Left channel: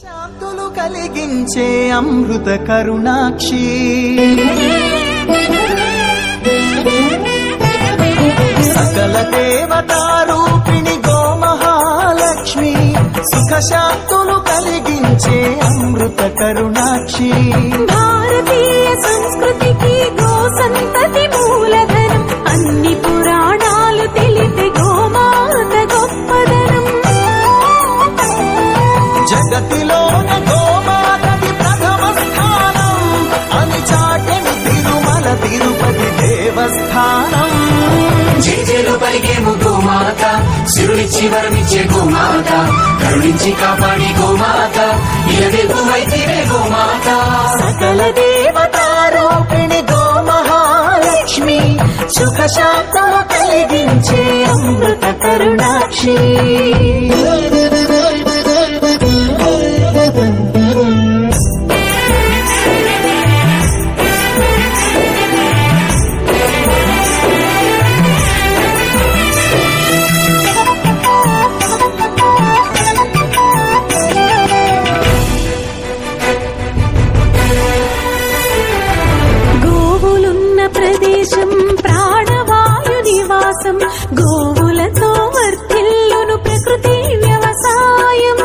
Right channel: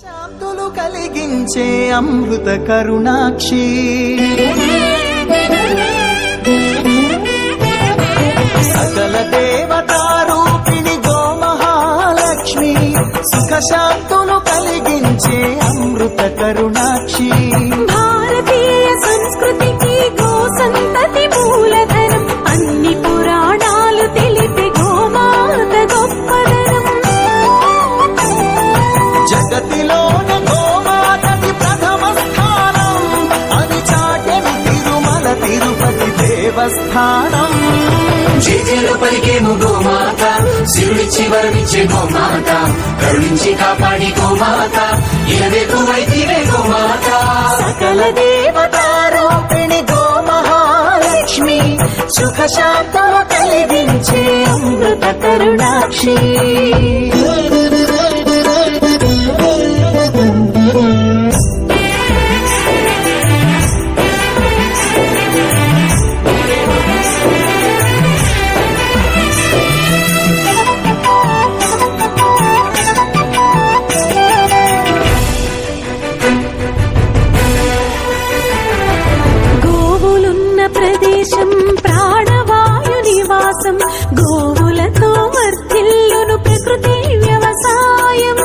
శాంతులు కలిగించే అమృత కరుణాక్షి సకల దేవతారూపిణి గోమహాలక్ష్మి సుఖ శాంతులు కలిగించే అమృత కరుణాక్షి భారతీయ సంస్కృతికి గో సంతతి మూలధనం అన్ని పురాణాలు తెలిపే గోమాత గొప్పదనం జగతిలోన గోమాతది ప్రథమ స్థానం అని చాటెను తిరుమల తిరుపతి దేవస్థానం జేజేలు పలికేము గోమాత సిరులిచ్చి వరమిచ్చే గోమాత కరుణించి కాపాడి గోమాత ఇలవేల్పు వైతిరే గోమాత సకల దేవతారూపిణి గోమహాలక్ష్మి సుఖ శాంతులు కలిగించే అమృత కరుణాక్షి గోవులున్న ప్రదేశం ప్రాణవాయు నివాసం గోవులతో వర్ధిల్లును ప్రకృతి వ్యవసాయం